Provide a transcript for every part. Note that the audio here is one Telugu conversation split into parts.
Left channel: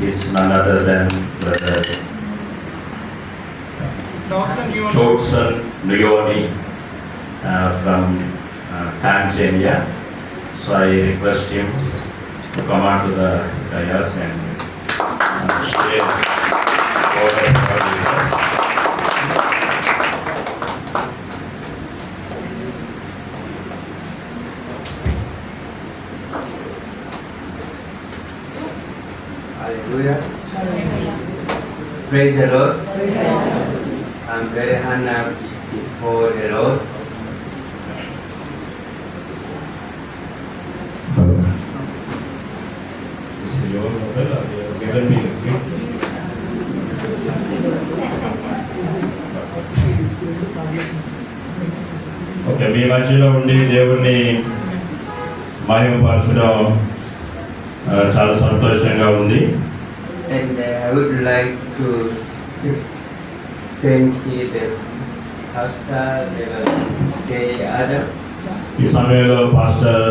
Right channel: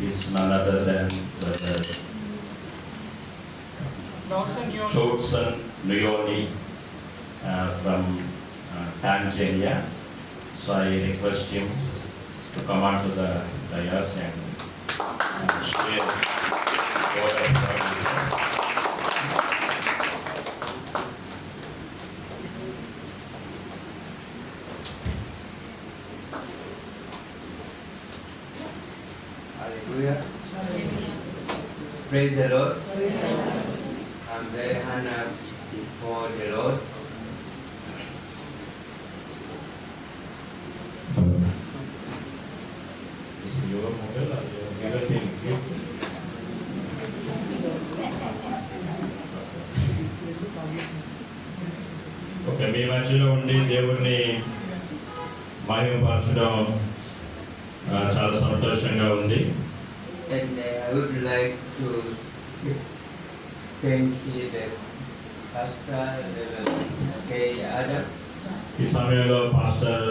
is none other than Brother Jodson Nuyoni from Tanzania. So I request him to come onto the dais and share what I have with us. Hallelujah. Praise the Lord. I'm very honored before the Lord. This is your mobile or you have given me a gift? Okay, మీ మధ్యలో ఉండి దేవుణ్ణి మహిమపరచడం చాలా సంతోషంగా ఉంది. And I would like to thank the pastor, the Adam. ఈ సమయంలో పాస్టర్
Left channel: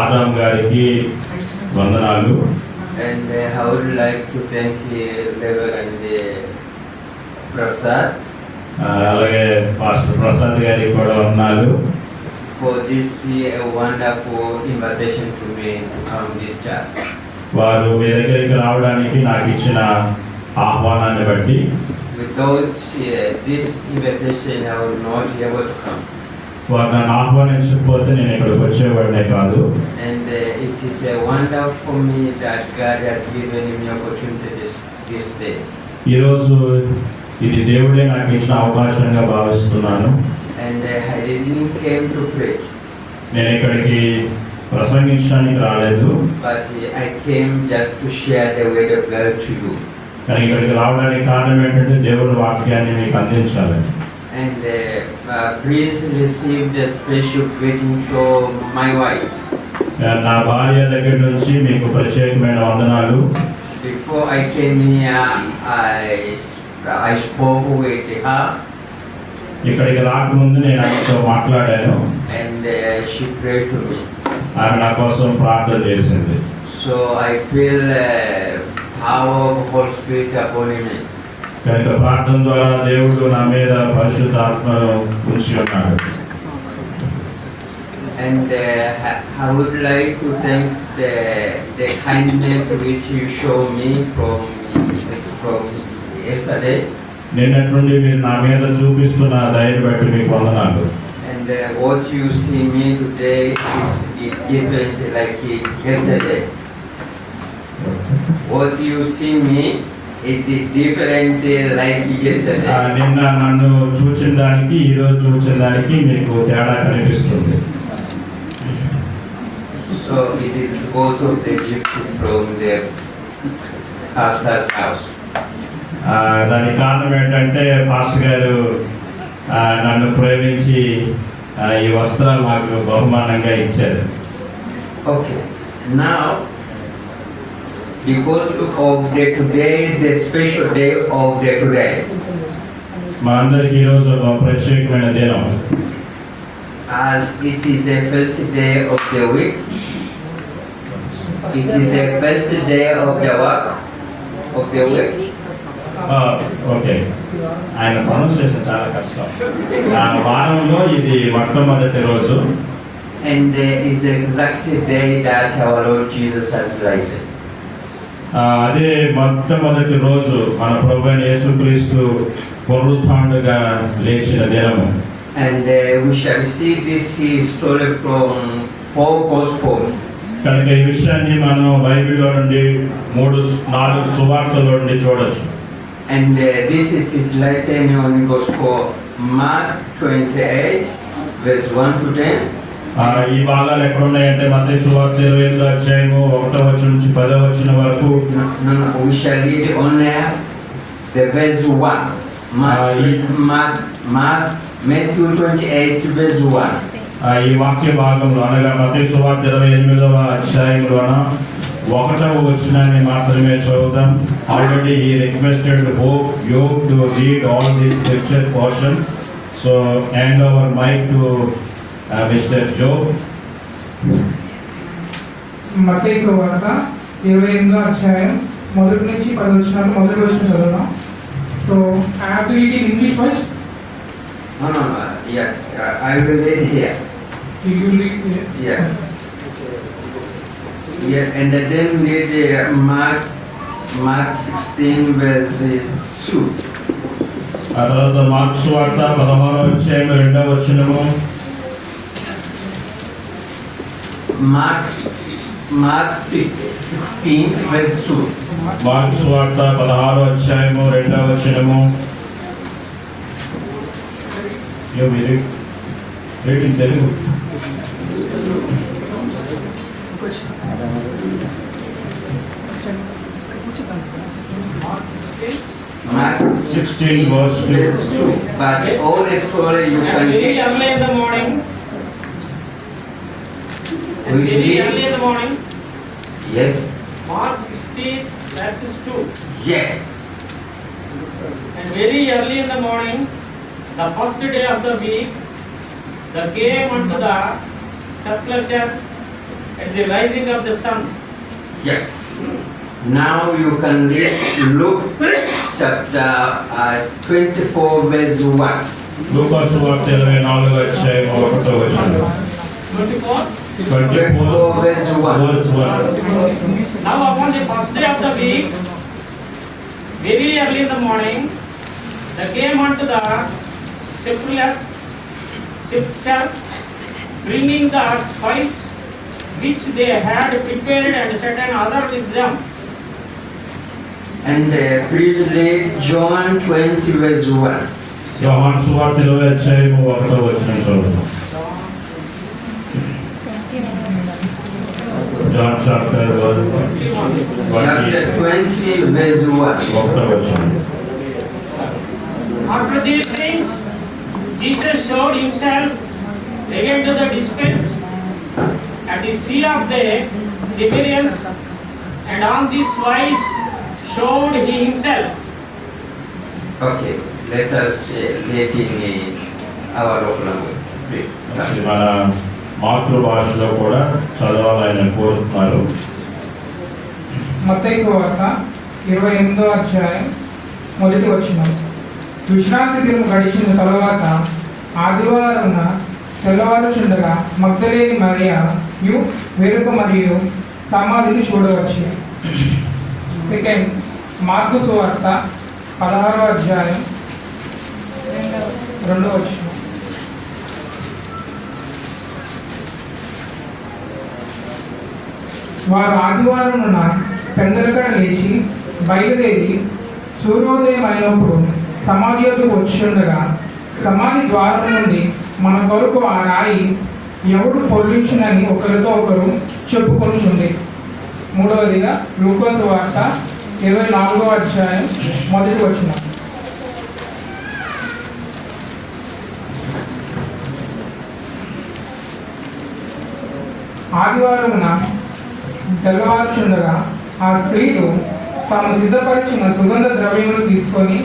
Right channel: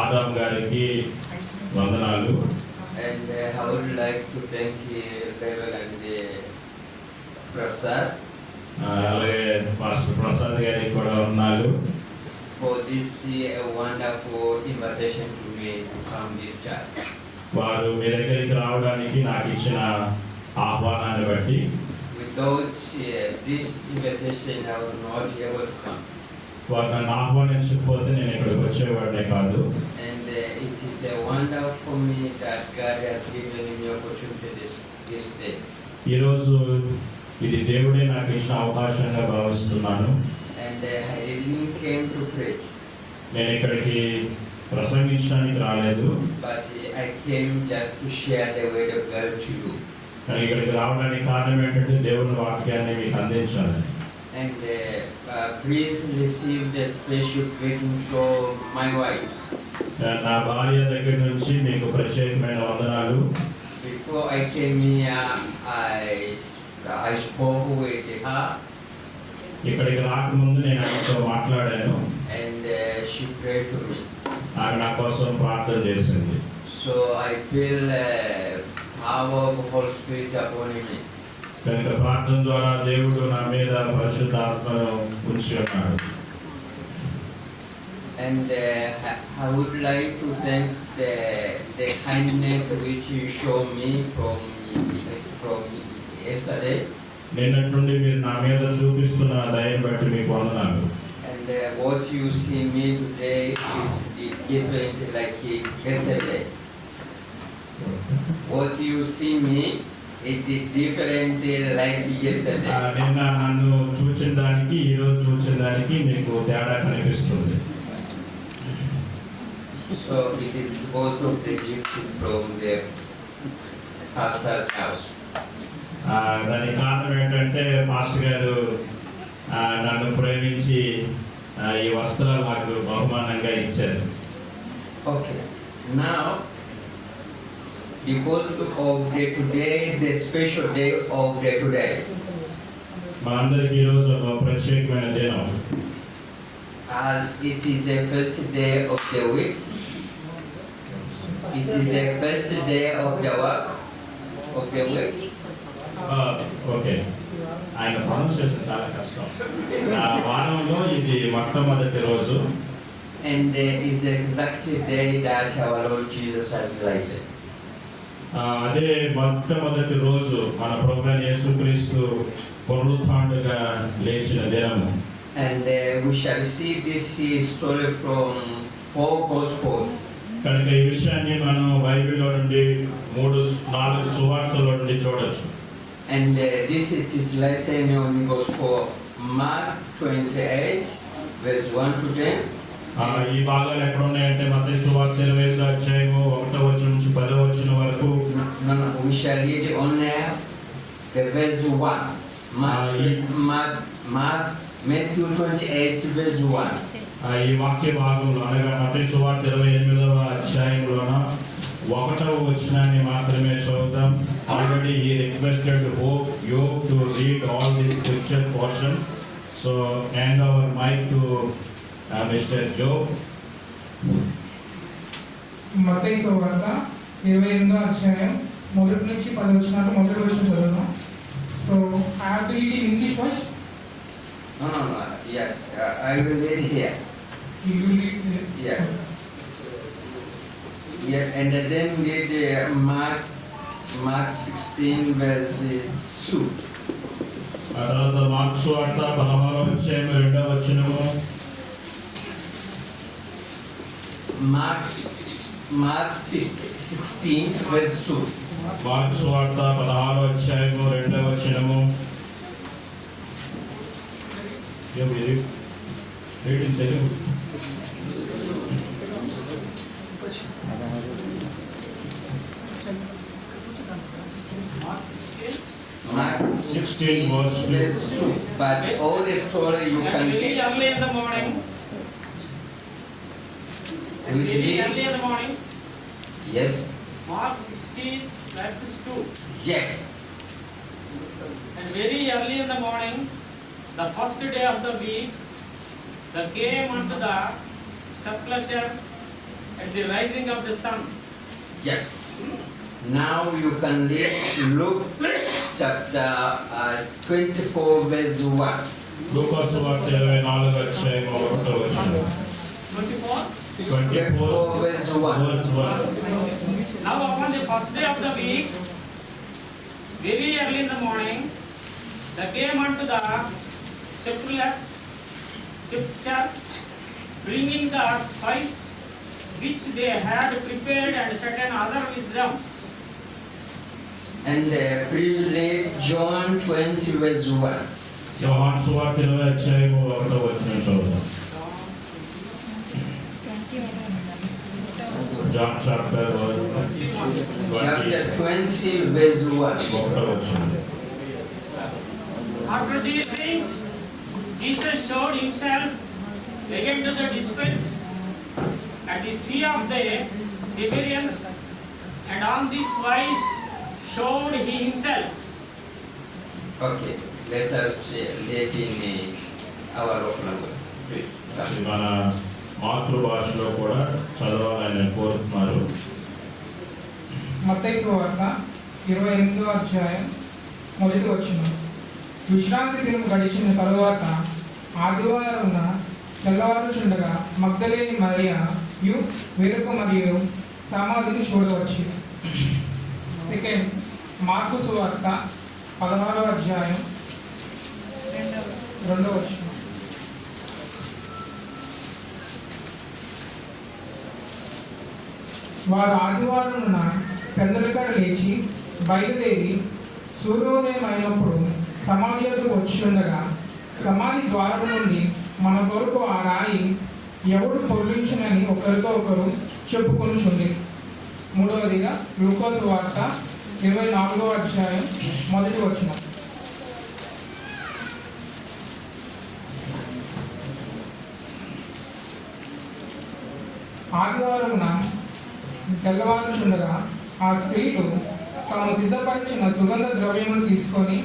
ఆదాం గారికి వందనాలు. And I would like to thank the Reverend Prasad అలాగే పాస్టర్ ప్రసాద్ గారికి కూడా వందనాలు. for this wonderful invitation to me to come this church. వారు మీ దగ్గరికి రావడానికి నాకు ఇచ్చిన ఆహ్వానాన్ని బట్టి Without this invitation, I would not be able to come. వారు నన్ను ఆహ్వానించకపోతే నేను ఇక్కడికి వచ్చేవాడినే కాదు. And it is a wonder for me that God has given me opportunity this day. ఈరోజు ఇది దేవుడే నాకు ఇచ్చిన అవకాశంగా భావిస్తున్నాను. And I didn't came to preach, నేను ఇక్కడికి ప్రసంగించడానికి రాలేదు, but I came just to share the word of God to you. కానీ ఇక్కడికి రావడానికి కారణం ఏంటంటే దేవుడి వాక్యాన్ని మీకు అందించాలి. And please receive the special greeting from my wife. నా భార్య దగ్గర నుంచి మీకు ప్రత్యేకమైన వందనాలు. Before I came here, I spoke with her. ఇక్కడికి రాకముందు నేను ఆయనతో మాట్లాడాను. And she prayed to me. ఆమె నా కోసం ప్రార్థన చేసింది. So I feel power of Holy Spirit upon me. కనుక ప్రార్థన ద్వారా దేవుడు నా మీద పరిశుద్ధ ఆత్మను ఉంచి ఉన్నాడు. And I would like to thank the kindness which you show me from yesterday. నిన్నటి నుండి మీరు నా మీద చూపిస్తున్న దయను బట్టి మీకు వందనాలు. And what you see me today is different like yesterday. What you see me is different like yesterday. నిన్న నన్ను చూచిన దానికి ఈరోజు చూసిన దానికి మీకు తేడా కనిపిస్తుంది. So it is because of the gift from the pastor's house. దానికి కారణం ఏంటంటే పాస్టర్ గారు నన్ను ప్రేమించి ఈ వస్త్రాలు నాకు బహుమానంగా ఇచ్చారు. Okay, now because of today, the special day of the today, మనందరికి ఈరోజు ఒక ప్రత్యేకమైన దినం. as it is the first day of the week, it is the first day of the work of the week. Okay, ఆయన ప్రొనౌన్సియేషన్ చాలా కష్టం. వారంలో ఇది మొట్టమొదటి రోజు. And is the exact day that our Lord Jesus has risen. అదే మొట్టమొదటి రోజు మన ప్రభువైన యేసుక్రీస్తు పునరుత్థానుడుగా లేచిన దినము. And we shall see this story from 4 Gospels. కనుక ఈ విషయాన్ని మనం బైబిల్లో నుండి 4 సువార్తల నుండి చూడొచ్చు. And this it is written on Gospel Mark 28 verse 1 to 10. ఈ భాగాలు ఎక్కడ ఉన్నాయంటే మత్తయి సువార్త 25వ అధ్యాయము 1వ వచనం నుంచి 10వ వచనం వరకు. No, we shall read only the verse 1. Matthew 28 verse 1. ఈ వాక్య భాగంలో అనగా మత్తయి సువార్త 28వ అధ్యాయంలోన 1వ వచనాన్ని మాత్రమే చదువుతాం. Already he requested you to read all this scripture portion, so hand over mic to Mr. Joe. మత్తయి సువార్త 28వ అధ్యాయం మొదటి నుంచి 10 వచ్చినాక మొదటి వచ్చిన చదువుదాం. So I have to read in English first. No. Yes, I will read here. You will read here. Yeah. Yeah, and then read Mark 16 verse 2. ఆ తర్వాత మార్క్స్ వార్త 16వ అధ్యాయం 2వ వచనము. Mark 16 verse 2. మార్క్స్ వార్త 16వ అధ్యాయము 2వ వచనము. Read in Telugu. Mark 16 verse 2. But all story you And can very get. early in the morning. And We very see. early in the morning. Yes. Mark 16 verses 2. Yes. And very early in the morning, the first day of the week, they came unto the sepulchre at the rising of the sun. Yes. Now you can read Luke chapter 24 verse 1. లూకాసు వార్త 24వ అధ్యాయం 1వ వచనం. 24. 24 verse 1. verse 1. Now upon the first day of the week, very early in the morning, they came unto the sepulchre, bringing the spice which they had prepared, and certain other with them. And please read John 20 verse 1. యోహాను సువార్త 20వ అధ్యాయం 1వ వచనం చదువుదాం. John chapter 21. 20 verse 1. 1వ వచనం. After these things, Jesus showed himself again to the disciples at the sea of the Tiberias, and on this wise showed he himself. Okay, let us read in our local language, please. ఇది మన మాతృభాషలో కూడా చదవాలని కోరుతున్నారు. మత్తయి సువార్త 28వ అధ్యాయం మొదటి వచనం. విశ్రాంతి దినం గడిచిన తరువాత ఆదివారం తెల్లవారుచుండగా మగ్దలేని మరియయు వేరొక మరియు సమాధిని చూడవచ్చు. సెకండ్ మార్కు సువార్త 16వ అధ్యాయం 2వ వచనం. వారు ఆదివారమున పెందలకడ లేచి బయలుదేరి సూర్యోదయం అయినప్పుడు సమాధి యొద్దకు వచ్చుండగా సమాధి ద్వారం నుండి మన కొరకు ఆ రాయి ఎవడు పొర్లించునని ఒకరితో ఒకరు చెప్పుకొనుచుంది. మూడవదిగా లూకాసు వార్త 24వ అధ్యాయం మొదటి వచనం. ఆదివారమున తెల్లవారుచుండగా ఆ స్త్రీలు తాము సిద్ధపరిచిన సుగంధ ద్రవ్యములు తీసుకొని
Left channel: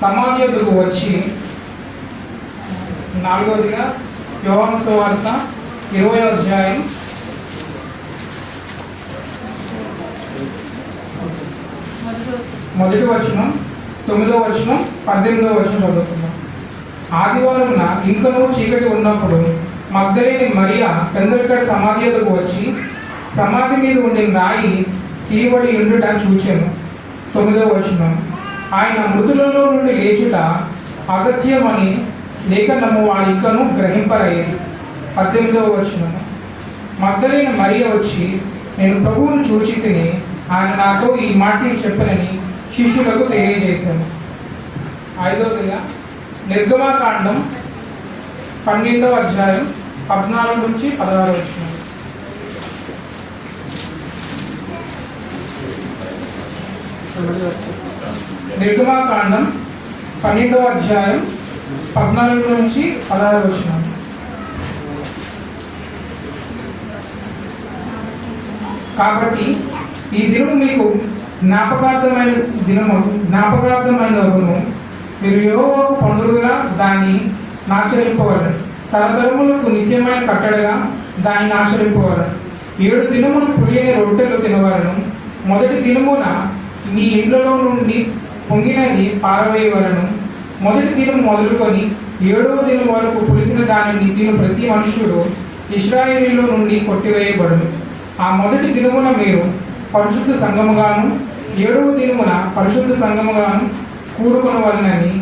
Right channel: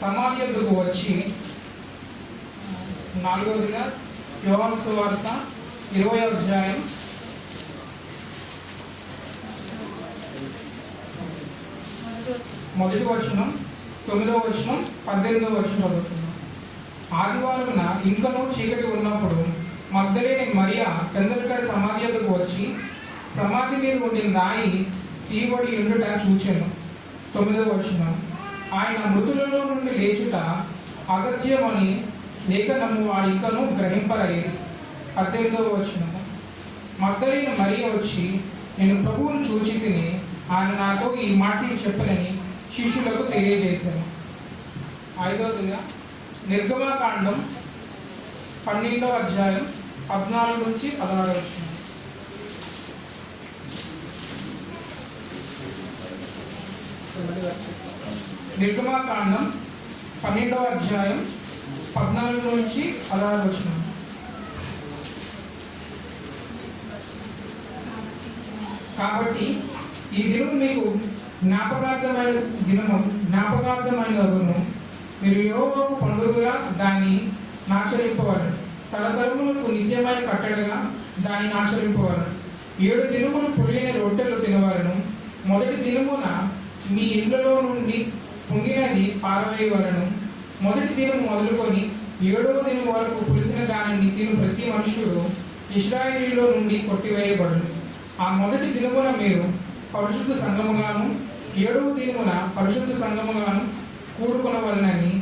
సమాధి యొద్దకు వచ్చి. నాలుగవదిగా యోహాను సువార్త 20వ అధ్యాయం 1వ వచనం 9వ వచనం 18వ వచనం చదువుతున్నాం. ఆదివారమున ఇంకనూ చీకటి ఉన్నప్పుడు మగ్దలేని మరియ పెందలకడ సమాధి యొద్దకు వచ్చి సమాధి మీద ఉండే రాయి తీయబడి ఉండుట చూచెను. 9వ వచనం. ఆయన మృతులలో నుండి లేచుట అగత్యమని లేఖనము వారికను గ్రహింపరయ్యేది. 18వ వచనం. మగ్దలేని మరియ వచ్చి నేను ప్రభువును చూచి తిని ఆయన నాతో ఈ మాటలు చెప్పనని శిష్యులకు తెలియజేశాను. 5వదిగా నిర్గమాకాండం 12వ అధ్యాయం 14 నుంచి 16 వచనం. నిర్గమాకాండం 12వ అధ్యాయం 14 నుంచి 16 వచనం. కాబట్టి ఈ దినము మీకు జ్ఞాపకార్థమైనను మీరు యెహోవాకు పండుగగా దాన్ని ఆచరింపవలను. తరతరములకు నిత్యమైన కట్టడగా దాన్ని ఆచరింపవలను. 7 దినములు పులియని రొట్టెలు తినవలను. మొదటి దినమున నీ ఇండ్లలో నుండి పొంగినది పారవేయవలను. మొదటి దినం మొదలుకొని 7వ దినం వరకు పులిసిన దానిని తిను ప్రతి మనుష్యుడు ఇశ్రాయేలీలో నుండి కొట్టివేయబడును. ఆ మొదటి దినమున మీరు పరిశుద్ధ సంఘముగాను 7వ దినమున పరిశుద్ధ సంఘముగాను కూడుకొనవలనని.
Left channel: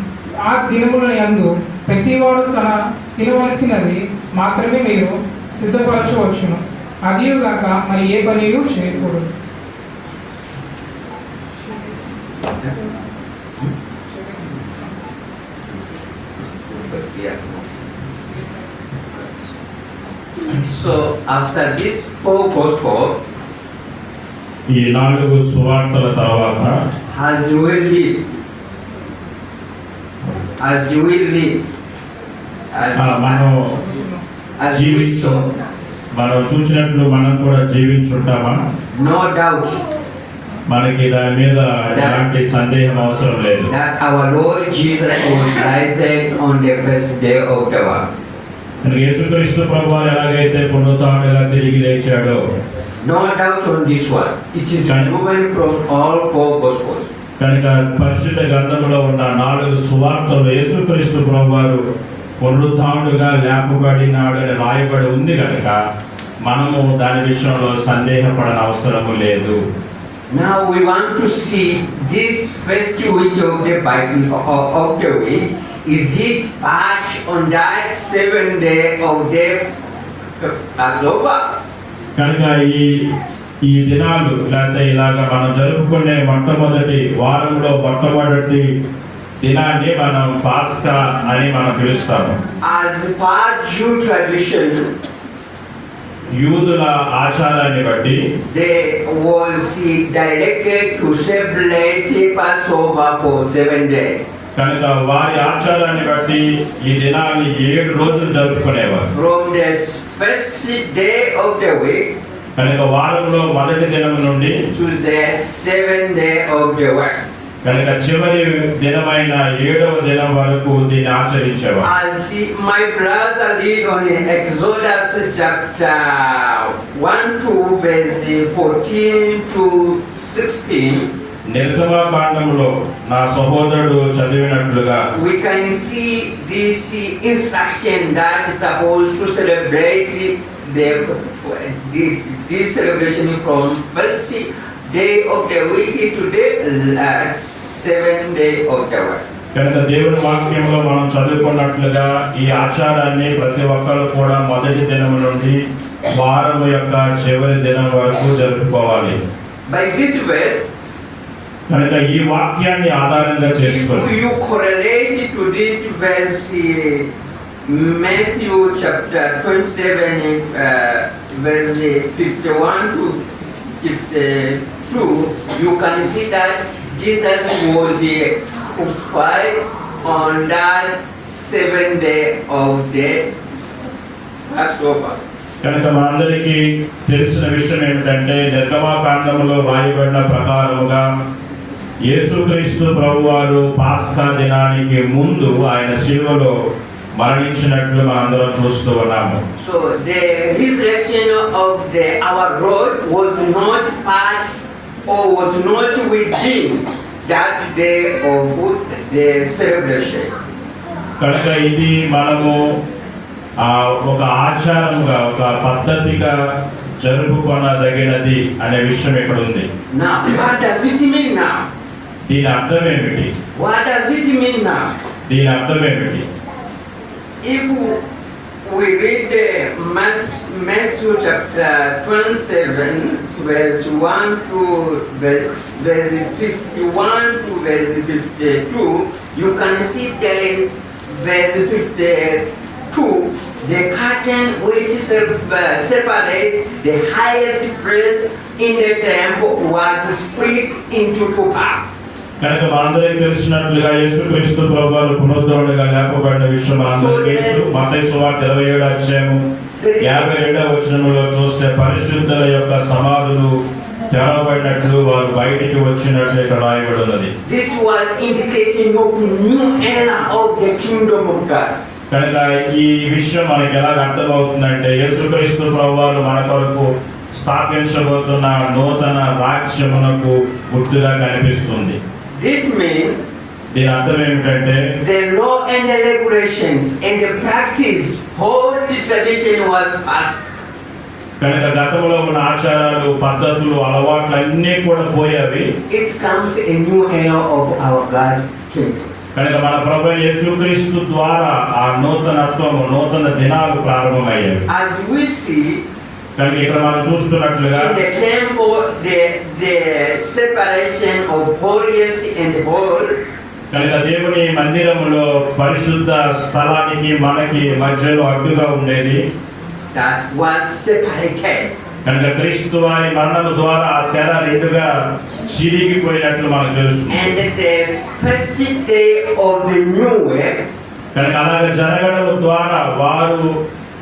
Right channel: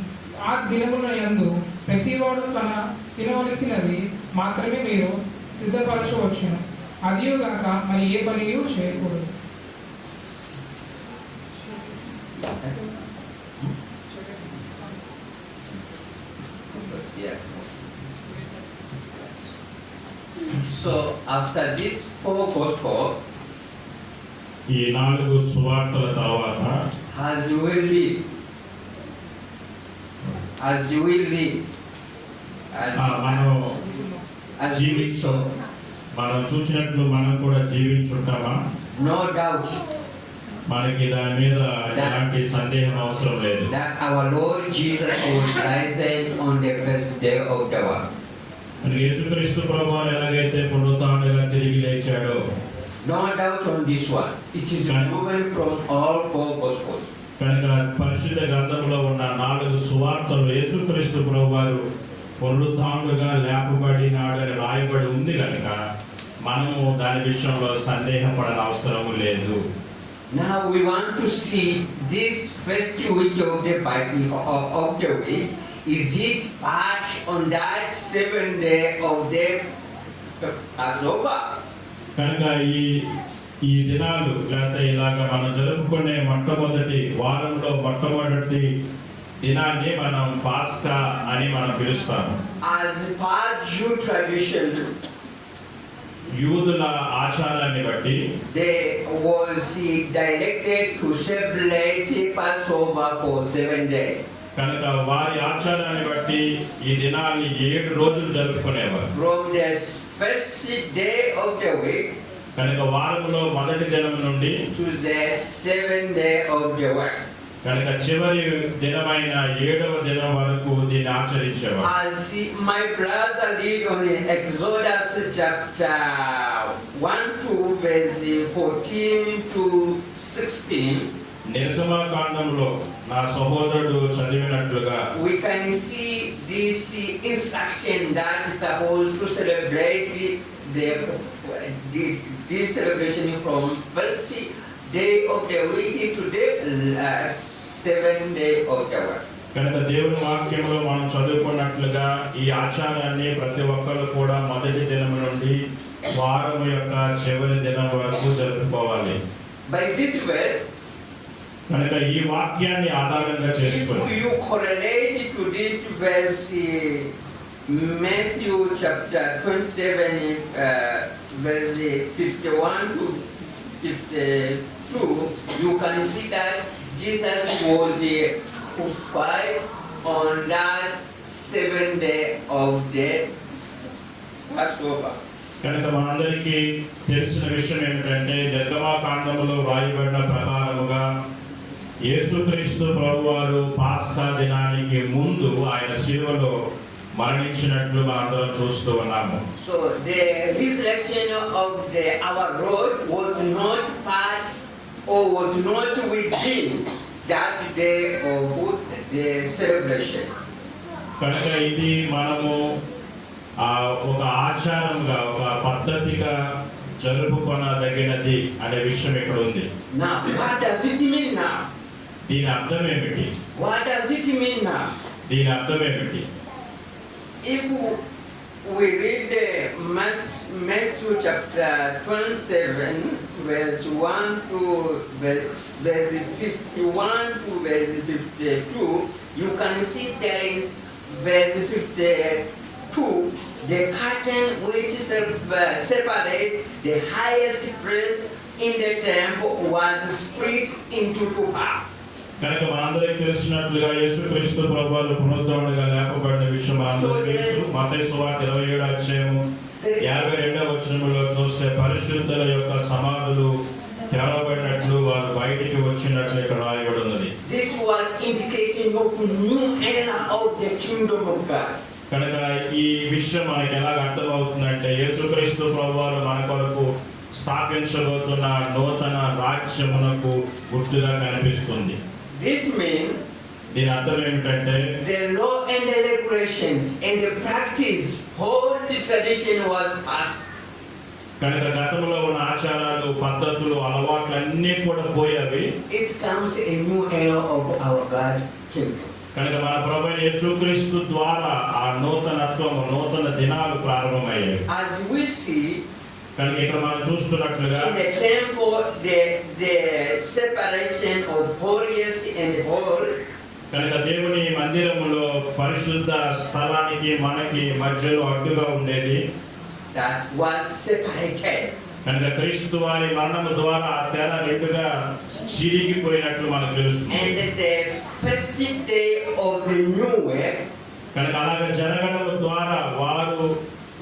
ఆ దినముల యందు ప్రతివాడు తన తినవలసినది మాత్రమే మీరు సిద్ధపరచవచ్చును. అదియుగాక మరి ఏ పనియు చేయకూడదు. So after this 4 gospel, ఈ 4 సువార్తల తర్వాత as you will live, as you will live, మనం as you will show, మనం చూసినట్లు మనం కూడా జీవించుంటామా? no doubt మనకి దాని మీద ఎలాంటి సందేహం అవసరం లేదు. that our Lord Jesus was risen on the first day of the world. యేసుక్రీస్తు ప్రభువారు ఎలాగైతే పునరుత్థానుడిగా తిరిగి లేచాడో, No doubt on this one. It is removed from all 4 gospels. కనుక పరిశుద్ధ గ్రంథంలో ఉన్న 4 సువార్తలు యేసుక్రీస్తు ప్రభువారు పునరుత్థానుడిగా లేపబడినాడని రాయబడి ఉంది కనుక మనము దాని విషయంలో సందేహపడని అవసరము లేదు. Now we want to see this first week of the Bible of the week. Is it part on that 7th day of the Passover? కనుక ఈ దినాలు లేకపోతే ఇలాగ మనం జరుపుకునే మొట్టమొదటి వారంలో మొట్టమొదటి దినాన్ని మనం పాస్కా అని మనం పిలుస్తాము. As per Jew tradition, యూదుల ఆచారాన్ని బట్టి they was directed to celebrate Passover for 7 days. కనుక వారి ఆచారాన్ని బట్టి ఈ దినాన్ని 7 రోజులు జరుపుకునేవారు. From the first day of the week కనుక వారంలో మొదటి దినం నుండి to the 7th day of the week. కనుక చివరి దినమైన 7వ దినం వరకు దీన్ని ఆచరించేవారు. As my brother read on Exodus chapter 1 to verse 14 to 16, నిర్గమకాండంలో నా సహోదరుడు చదివినట్లుగా we can see this instruction that is supposed to celebrate this celebration from first day of the week to the 7th day of the week. కనుక దేవుని వాక్యంలో మనం చదువుకున్నట్లుగా ఈ ఆచారాన్ని ప్రతి ఒక్కరు కూడా మొదటి దినం నుండి వారం యొక్క చివరి దినం వరకు జరుపుకోవాలి. By this verse, కనుక ఈ వాక్యాన్ని ఆధారంగా చేసుకొని if you correlate to this verse, Matthew chapter 27, verse 51 to 52, you can see that Jesus was crucified on that 7th day of the Passover. కనుక మనందరికీ తెలిసిన విషయం ఏమిటంటే నిర్గమకాండంలో రాయబడిన ప్రకారముగా యేసుక్రీస్తు ప్రభువారు పాస్కా దినానికి ముందు ఆయన శిలువలో మరణించినట్లు మనందరం చూస్తూ ఉన్నాము. So the resurrection of our Lord was not part or was not within that day of the celebration. కనుక ఇది మనము ఒక ఆచారంగా ఒక పద్ధతిగా జరుపుకొనదగినది అనే విషయం ఇక్కడ ఉంది. Now, what does it mean now? దీని అర్థం ఏమిటి? What does it mean now? దీని అర్థం ఏమిటి? If we read Matthew chapter 27, verse 1 to verse 51 to verse 52, you can see there is verse 52, the curtain which separate the highest place in the temple was split into 2 parts. కనుక మనందరికీ తెలిసినట్లుగా యేసుక్రీస్తు ప్రభువారు పునరుద్ధరణగా లేపబడిన విషయం మనందరికీ తెలుసు. మత్తయి సువార్త 27వ అధ్యాయము 52వ వచనంలో చూస్తే పరిశుద్ధుల యొక్క సమాధులు తెరవబడినట్లు వారు బయటికి వచ్చినట్లు ఇక్కడ రాయబడి ఉన్నది. This was indication of new era of the kingdom of God. కనుక ఈ విషయం మనకి ఎలా అర్థమవుతుందంటే యేసుక్రీస్తు ప్రభువారు మన కొరకు స్థాపించబోతున్న నూతన రాజ్యమునకు గుర్తుగా కనిపిస్తుంది. This means దీని అర్థం ఏమిటంటే the law and the regulations and the practice, whole the tradition was passed. కనుక గతంలో ఉన్న ఆచారాలు, పద్ధతులు, అలవాట్లు అన్నీ కూడా పోయేవి. It comes a new era of our God kingdom. కనుక మన ప్రభు యేసుక్రీస్తు ద్వారా ఆ నూతనత్వము, నూతన దినాలు ప్రారంభమయ్యాయి. As we see కనుక ఇక్కడ మనం చూస్తున్నట్లుగా in the temple, the separation of holiest and holy, కనుక దేవుని మందిరములో పరిశుద్ధ స్థలానికి మనకి మధ్యలో అడ్డుగా ఉండేది. that was separated. కనుక క్రీస్తు వారి మరణము ద్వారా ఆ తెర రెండుగా చిరిగిపోయినట్లు మనకు తెలుసు. And the first day of the new week, కనుక అలాగ జరగడం ద్వారా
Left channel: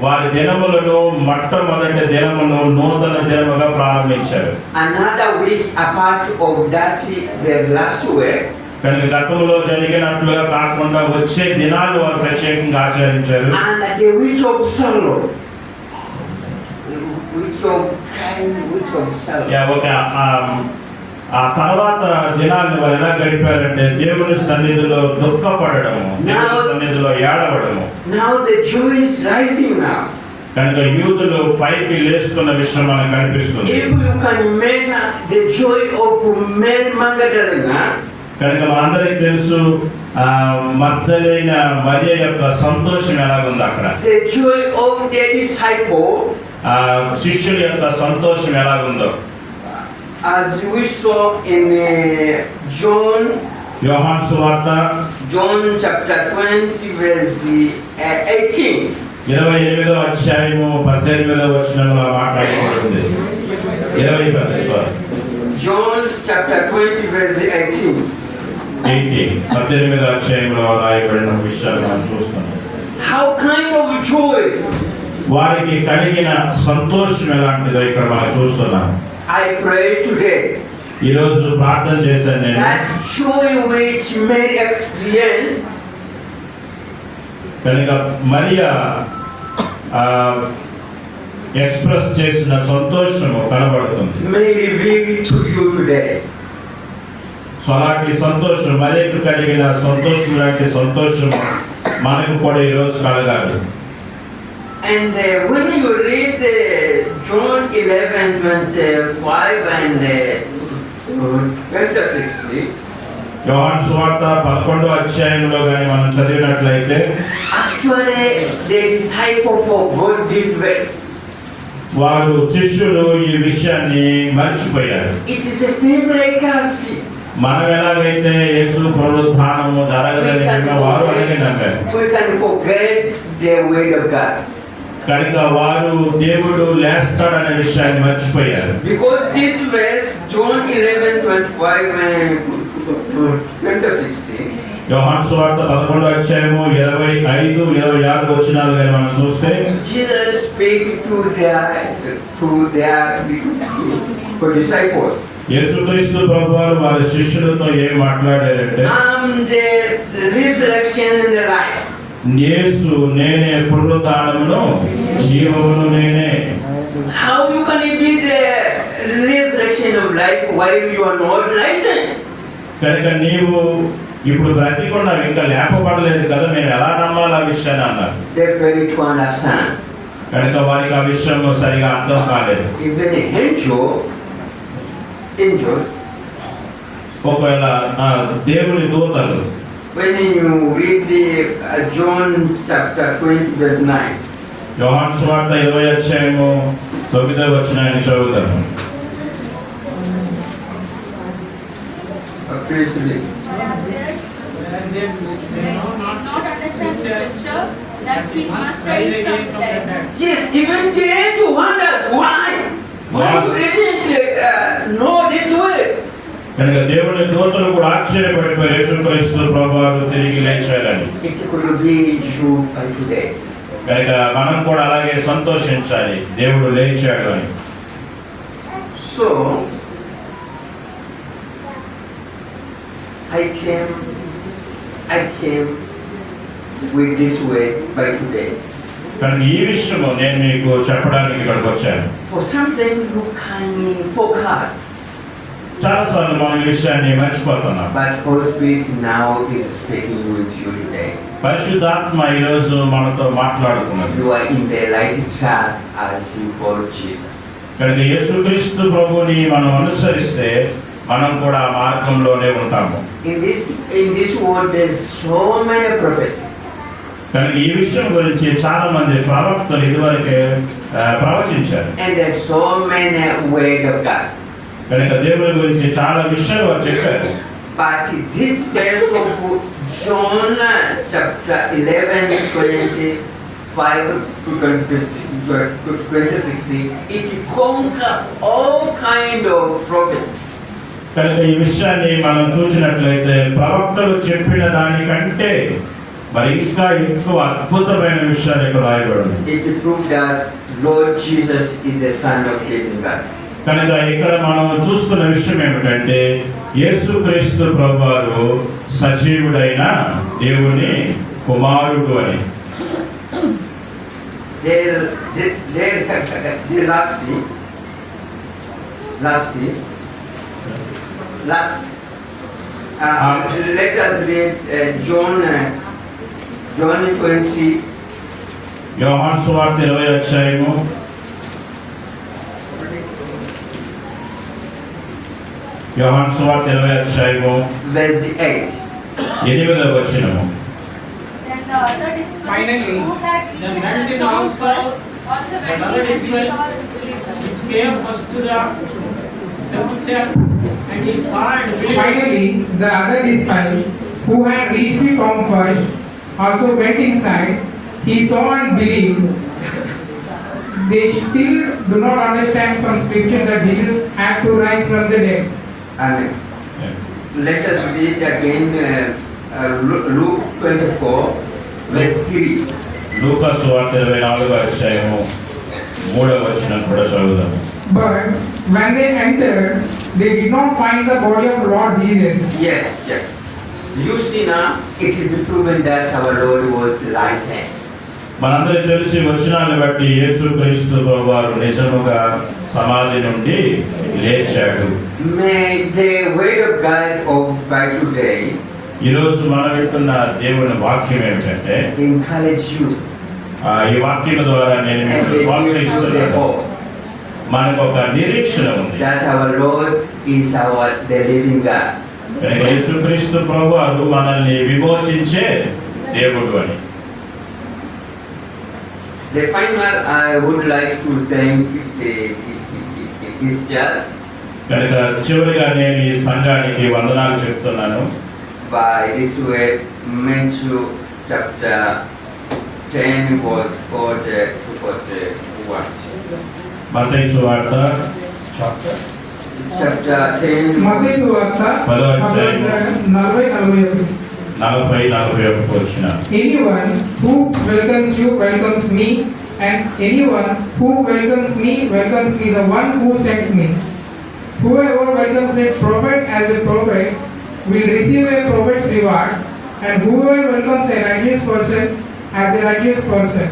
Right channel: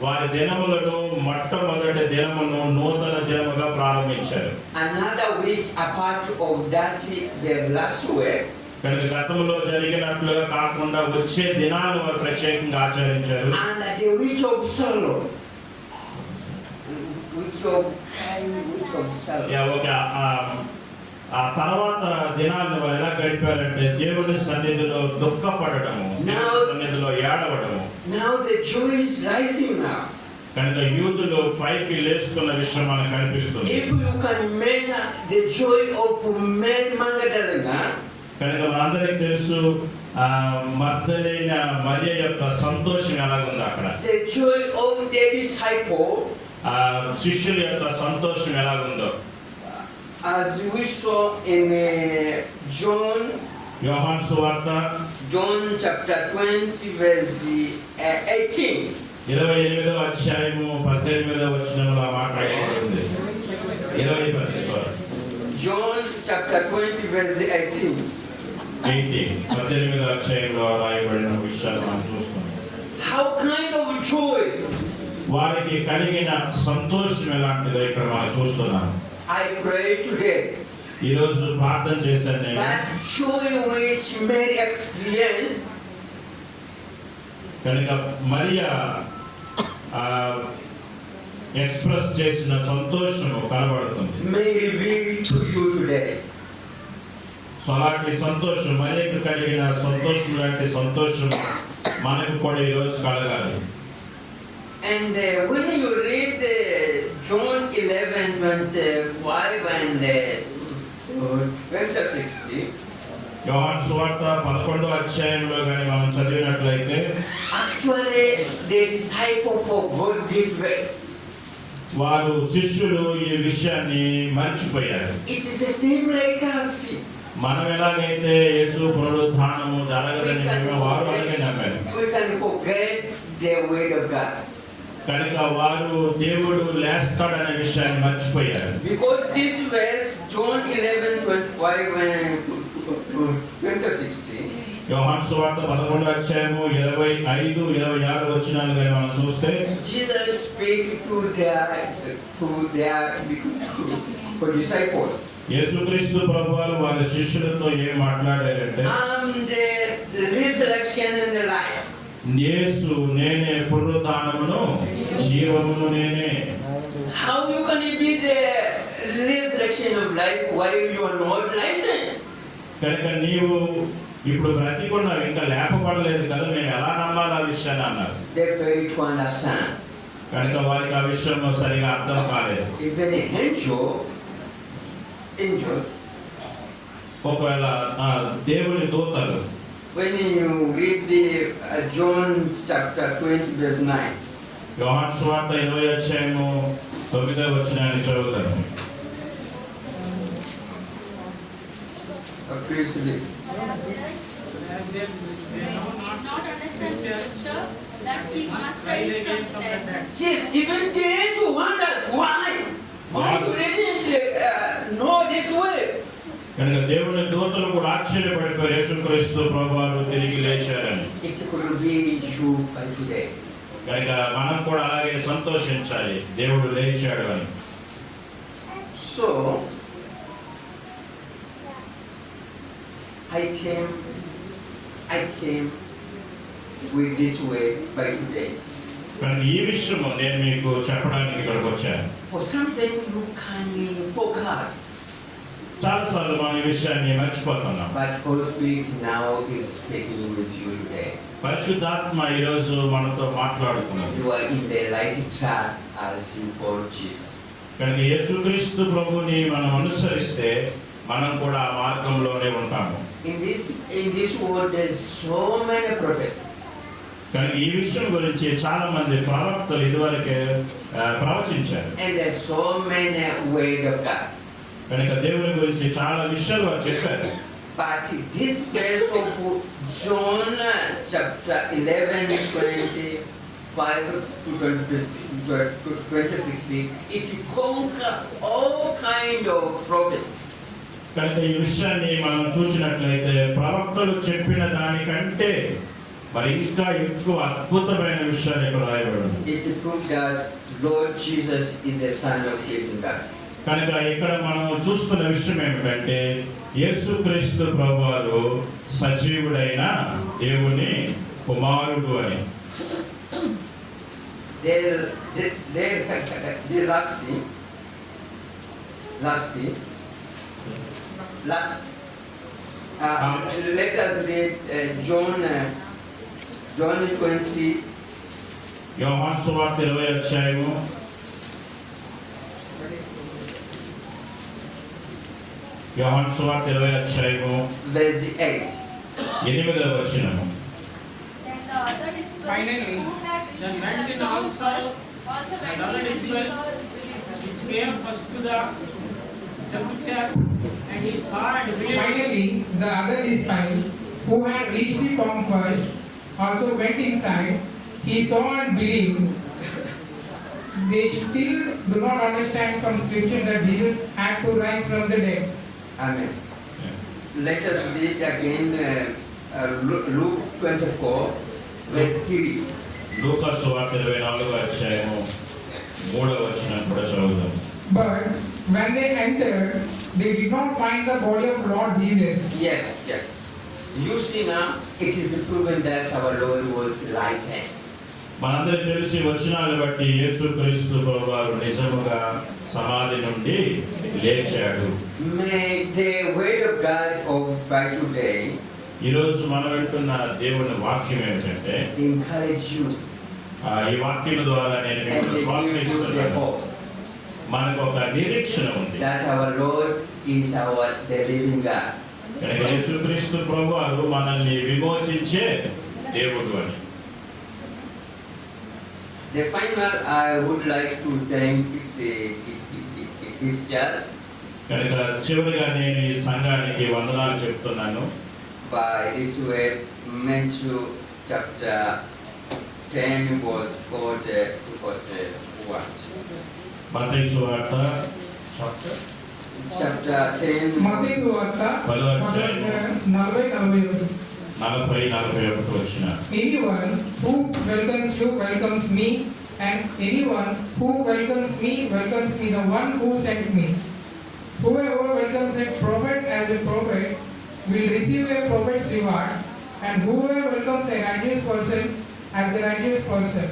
వారి దినములను మొట్టమొదటి దినమును నూతన దినముగా ప్రారంభించారు. another week apart of that, the last week, కనుక గతంలో జరిగినట్లుగా కాకుండా వచ్చే దినాలు వారు ప్రత్యేకంగా ఆచరించారు. and the week of sorrow, week of crying, week of sorrow. Okay, ఆ తర్వాత దినాలను వారు ఎలా గడిపారంటే దేవుని సన్నిధిలో దుఃఖపడము, దేవుని సన్నిధిలో ఏడవడము. Now the joy is rising now. కనుక యూదులు పైకి లేస్తున్న విషయం మనకు కనిపిస్తుంది. If you can measure the joy of Mary Magdalene, కనుక మనందరికి తెలుసు మగ్దలేన మరియ యొక్క సంతోషం ఎలాగుంది అక్కడ. the joy of the disciple, శిష్యుల యొక్క సంతోషం ఎలాగుందో as we saw in John యోహాను సువార్త chapter 20 verse 18. 28వ అధ్యాయము 18వ వచనంలో మాట్లాడబడింది. 20 John chapter 20 verse 18. 18వ అధ్యాయంలో రాయబడిన విషయాలు మనం చూస్తున్నాం. How kind of joy! వారికి కలిగిన సంతోషం ఎలాంటిదో ఇక్కడ మనం చూస్తున్నాం. I pray today ఈ రోజు ప్రార్థన చేశాను నేను. that joy which Mary experienced, కనుక మరియా ఎక్స్ప్రెస్ చేసిన సంతోషము కనబడుతుంది. may reveal to you today. So అలాంటి సంతోషం, మరియకు కలిగిన సంతోషం లాంటి సంతోషం మనకు కూడా ఈరోజు కలగాలి. And when you read John 11:25 and 26, యోహాను సువార్త 11వ అధ్యాయంలో కానీ మనం చదివినట్లయితే actually the disciple forgot this verse. వారు శిష్యులు ఈ విషయాన్ని మర్చిపోయారు. It is the same like us. మనం ఎలాగైతే యేసు పునరుత్థానము జరగదని నమ్మామో వారు అలాగే నమ్మారు. We can forget the word of God. కనుక వారు దేవుడు లేస్తాడనే విషయాన్ని మర్చిపోయారు. Because this verse, John 11:25 and 26, యోహాను సువార్త 11వ అధ్యాయము 25, 26 వచనాలు కానీ మనం చూస్తే Jesus speak to their disciples. యేసుక్రీస్తు ప్రభువారు వారి శిష్యులతో ఏం మాట్లాడారంటే, The resurrection and the life. యేసు నేనే పునరుత్థానమును జీవమును నేనే. How you can be the resurrection of life while you are not rising? కనుక నీవు ఇప్పుడు బ్రతికున్నావు, ఇంకా లేపబడలేదు కదా, మేము ఎలా నమ్మాలి ఆ విషయాన్ని అన్నారు. They fail to understand. కనుక వారికి ఆ విషయం సరిగా అర్థం కాలేదు. Even angels, ఒకవేళ దేవుని దూతలు, when you read the John chapter 20 verse 9, యోహాను సువార్త 20వ అధ్యాయము 9వ వచనాన్ని చదువుతాము. please read. Did not understand scripture that he must rise from the dead. Yes, even the angel wonders why. Why you didn't know this way? కనుక దేవుని దూతలు కూడా ఆశ్చర్యపడిపోయి యేసుక్రీస్తు ప్రభువారు తిరిగి లేచారని. It could be you by today. కనుక మనం కూడా అలాగే సంతోషించాలి, దేవుడు లేచాడు అని. So I came with this way by today. కానీ ఈ విషయము నేను మీకు చెప్పడానికి ఇక్కడికి వచ్చాను. For something you can forget, చాలాసార్లు మనం ఈ విషయాన్ని మర్చిపోతున్నాం. but Holy Spirit now is speaking with you today. పరిశుద్ధాత్మ ఈరోజు మనతో మాట్లాడుతున్నది. You are in the right track as you follow Jesus. కనుక యేసుక్రీస్తు ప్రభుని మనం అనుసరిస్తే మనం కూడా ఆ మార్గంలోనే ఉంటాము. In this world, there's so many prophets. కనుక ఈ విషయం గురించి చాలా మంది ప్రవక్తలు ఇదివరకే ప్రవచించారు. And there's so many word of God. కనుక దేవుని గురించి చాలా విషయాలు వారు చెప్పారు. But this verse of John chapter 11, 25 to 26, it conquers all kind of prophets. కనుక ఈ విషయాన్ని మనం చూసినట్లయితే ప్రవక్తలు చెప్పిన దానికంటే మరి ఇంకా ఎక్కువ అద్భుతమైన విషయాలు ఇక్కడ రాయబడి. It proves that Lord Jesus is the Son of living God. కనుక ఇక్కడ మనం చూస్తున్న విషయం ఏమిటంటే యేసుక్రీస్తు ప్రభువారు సజీవుడైన దేవుని కుమారుడు అని. Last. Let us read John 20. యోహాను సువార్త 20వ అధ్యాయము యోహాను సువార్త 20వ అధ్యాయము verse 8. 8వ వచనము. Then the other disciples Finally, who had the reached night the town also, first also went another in and disciple saw the believers. which came first to the sepulchre, and he saw and believed. Finally, the other disciple who had reached the tomb first also went inside. He saw and believed. They still do not understand from scripture that Jesus had to rise from the dead. Amen. Let us read again Luke 24, verse 3. లూకా సువార్త 24వ అధ్యాయము 3వ వచనం కూడా చదువుదాం. But when they entered, they did not find the body of Lord Jesus. Yes. You see now, it is proven that our Lord was risen. మనందరికీ తెలిసి వచనాన్ని బట్టి యేసుక్రీస్తు ప్రభువారు నిజముగా సమాధి నుండి లేచాడు. May the word of God by today ఈరోజు మనం వింటున్న దేవుని వాక్యం ఏమిటంటే encourage you ఈ వాక్యం ద్వారా నేను and మీకు give you the ప్రోత్సహిస్తున్నాను. hope మనకు ఒక నిరీక్షణ ఉంది. that our Lord is the living God. కనుక యేసుక్రీస్తు ప్రభువారు మనల్ని విమోచించే దేవుడు అని. The final, I would like to thank this church కనుక చివరిగా నేను ఈ సంఘానికి వందనాలు చెప్తున్నాను. by this way, Matthew chapter 10 verse 41. మత్తయి సువార్త Chapter 10 మత్తయి సువార్త 10వ అధ్యాయం 40-41. 40-41 వచన. Anyone who welcomes you welcomes me, and anyone who welcomes me welcomes me, the one who sent me. Whoever welcomes a prophet as a prophet will receive a prophet's reward, and whoever welcomes a righteous person as a righteous person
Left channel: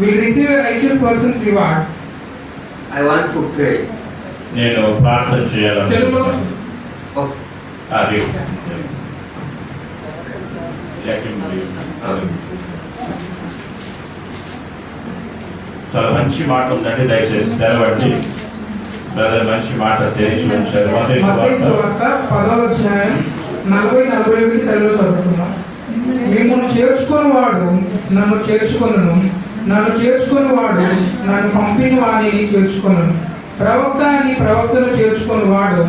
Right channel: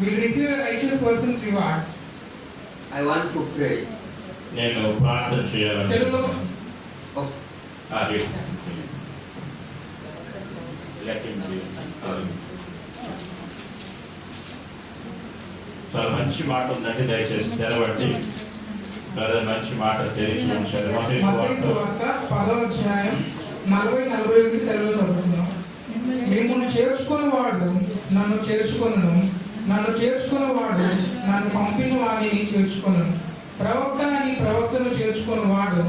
will receive a righteous person's reward. I want to pray. నేను ప్రార్థన తెలుగులో Oh, అది చాలా మంచి మాట ఉందండి, దయచేసి తెరవండి. బ్రదర్ మంచి మాట తెలిసి ఉంచారు. మత్తయి మత్తయి సువార్త సువార్త 10వ అధ్యాయం 40-41 తెలుగులో చదువుతున్నాం. మిమ్మల్ని చేర్చుకొని వాడు నన్ను చేర్చుకొనును, నన్ను చేర్చుకొని వాడు నన్ను పంపిన వాణిని చేర్చుకొనును. ప్రవక్త అని ప్రవక్తను చేర్చుకొని వాడు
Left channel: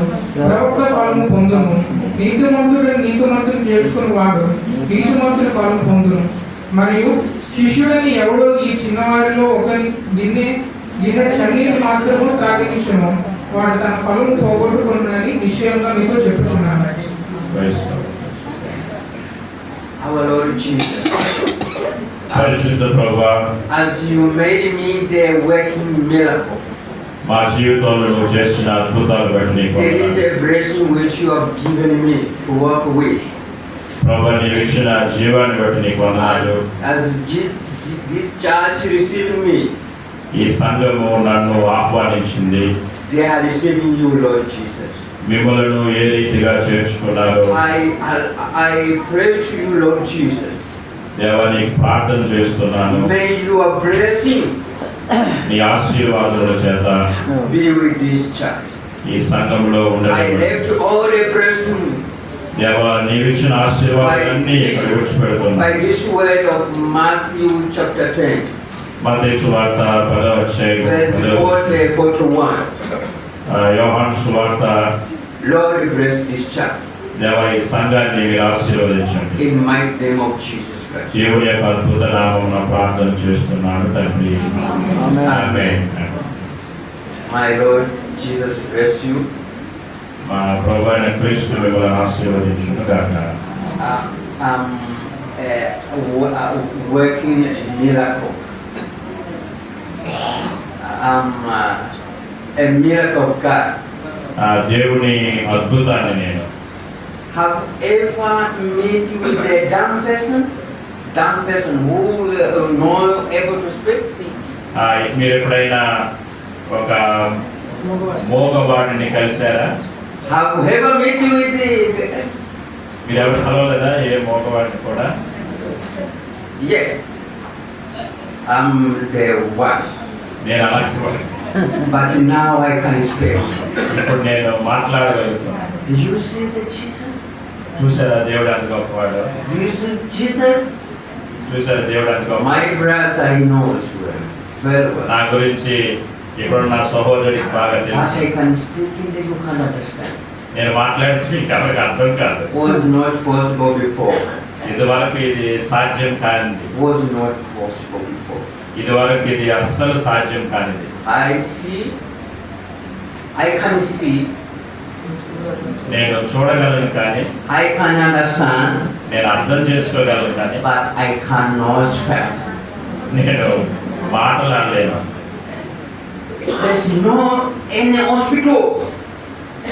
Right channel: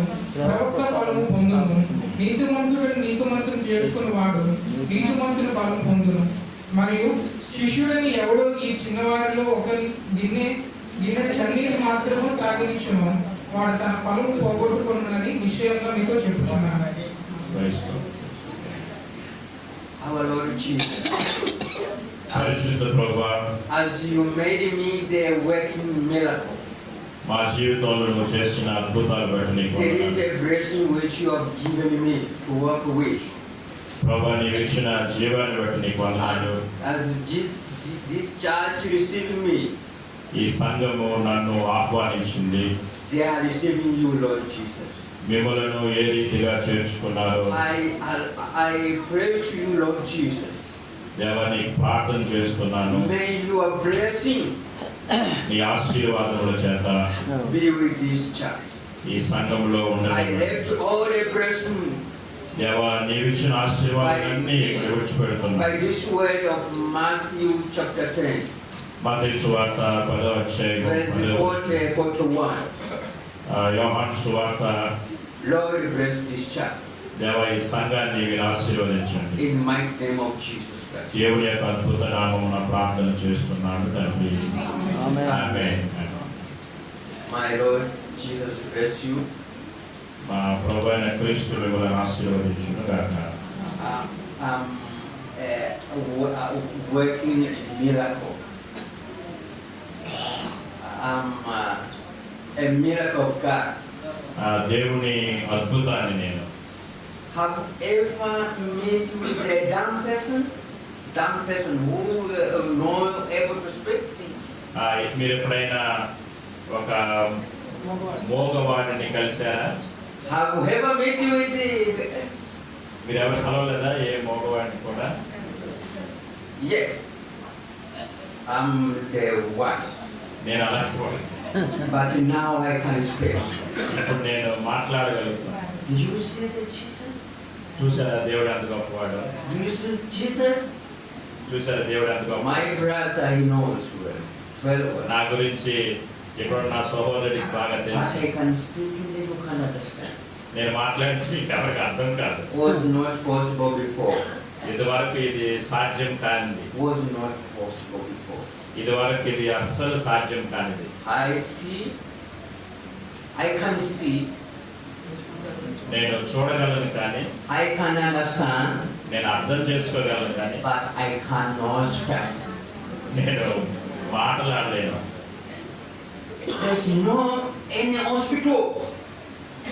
ప్రవక్త ఫలము పొందును. నీతిమంతుడని నీతిమంతుని చేర్చుకొని వాడు నీతిమంతుని ఫలము పొందును. మరియు శిష్యుడని ఎవడో ఈ చిన్నవారిలో ఒకరి గిన్నె చన్నీరు మాత్రము త్రాగనిచ్చును, వాడు తన ఫలము పోగొట్టుకున్నానని నిశ్చయంగా మీతో చెప్పుచున్నాను. వహిస్తాం. our Lord Jesus, పరిశుద్ధ ప్రభువా, as you made me the working miracle, మా జీవితంలో నువ్వు చేసిన అద్భుతాలు బట్టి నీకు there is వందనాలు. a blessing which you have given me to work with. ప్రభువా, నీవు ఇచ్చిన జీవాన్ని బట్టి నీకు వందనాలు. As this church received me. ఈ సంఘము నన్ను ఆహ్వానించింది. They are receiving you, Lord Jesus. మిమ్మలను ఏ రీతిగా చేర్చుకున్నారో I pray to you, Lord Jesus. దేవా నీకు ప్రార్థన చేస్తున్నాను. May your blessing నీ ఆశీర్వాదముల చేత be with this church. ఈ సంఘములో I ఉండాలి. left all a blessing దేవా నీవిచ్చిన ఆశీర్వాదాలన్నీ ఇక్కడ విడిచిపెడుతున్నా. by this word of Matthew chapter 10, మత్తయి సువార్త 10వ అధ్యాయం verse 41. యోహాను సువార్త. Lord, bless this church దేవా ఈ సంఘాన్ని మీరు ఆశీర్వదించండి. in mighty name of Jesus Christ. దేవుని యొక్క అద్భుత నామమున ప్రార్థన చేస్తున్నాను తండ్రి. ఆమేన్. My Lord Jesus bless you. మా ప్రభువైన క్రీస్తు మిమ్మల్ని ఆశీర్వదించును గాక. I'm working miracle. A miracle of God. దేవుని అద్భుతాన్ని నేను Have ever met with a dumb person? Dumb person who not able to speak? మీరు ఎప్పుడైనా ఒక మోగవాడిని కలిశారా? Have you ever met with మీరు ఎవరు కలవలేదా ఏ మోగవాడిని కూడా? Yes. I'm the one. నేను అలాంటి వాడిని. But now I can speak. ఇప్పుడు నేను మాట్లాడగలుగుతున్నాను. Do you see the Jesus? చూసారా దేవుడు అంత గొప్పవాడు? Do you see Jesus? చూసారా దేవుడు అంత గొప్ప? My brother, I know as well. Very well. నా గురించి ఇప్పుడు నా సహోదరుడికి బాగా But తెలుసు. I can speak in the you can understand. నేను మాట్లాడితే మీకు ఎవరికి అర్థం కాదు. Was not possible before. ఇదివరకు ఇది సాధ్యం కానిది. Was not possible before. ఇదివరకు ఇది అస్సలు సాధ్యం కానిది. I can see. నేను చూడగలను కానీ, I can understand. నేను అర్థం చేసుకోగలను కానీ, But I cannot speak. నేను మాట్లాడలేను. There's no any hospital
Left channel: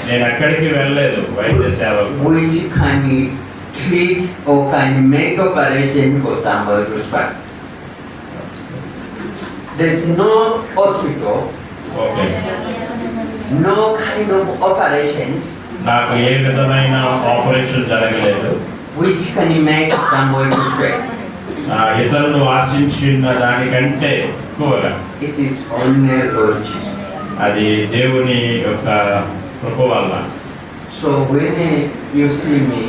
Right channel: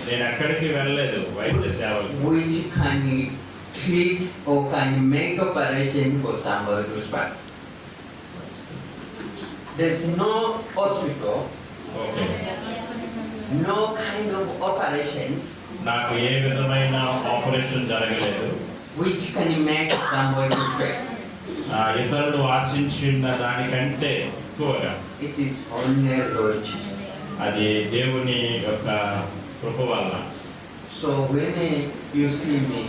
నేను ఎక్కడికి వెళ్ళలేదు వైద్య సేవకు which can treat or can make operation for somebody to speak. There's no hospital, okay. no kind of operations నాకు ఏ విధమైన ఆపరేషన్ జరగలేదు. which can make somebody to speak. ఇతరులు ఆశించిన దానికంటే ఎక్కువగా It is only Lord Jesus. అది దేవుని యొక్క కృప వల్ల. So when you see me,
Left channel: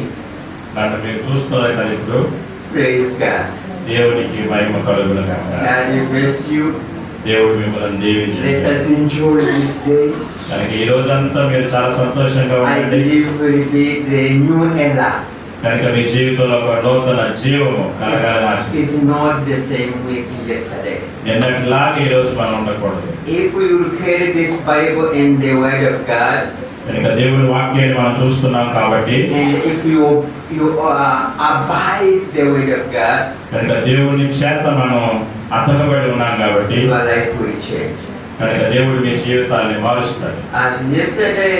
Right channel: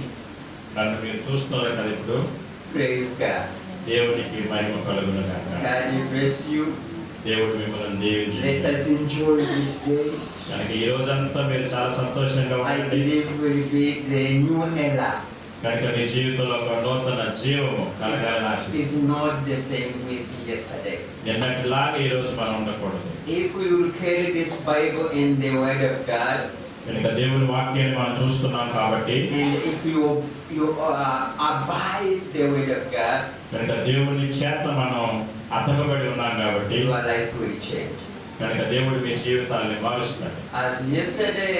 నన్ను మీరు చూస్తున్నారు కదా ఇప్పుడు. praise God. దేవునికి మహిమ కలుగును గాక. God bless you. దేవుడు మిమ్మల్ని Let దీవించును. us enjoy this day. కనుక ఈ రోజంతా మీరు చాలా సంతోషంగా I ఉండండి. believe will be the new era. కనుక మీ జీవితంలో ఒక నూతన జీవము కలగాలని ఆశిస్తున్నాను. It's not the same with yesterday. నిన్నటిలాగా ఈ రోజు మనం ఉండకూడదు. If we will carry this Bible and the Word of God, కనుక దేవుని వాక్యాన్ని మనం చూస్తున్నాం కాబట్టి, and if you abide the Word of God, కనుక దేవుని చేత మనం అతకబడి ఉన్నాం కాబట్టి, your life will change. కనుక దేవుడు మీ జీవితాన్ని మారుస్తాడు. As yesterday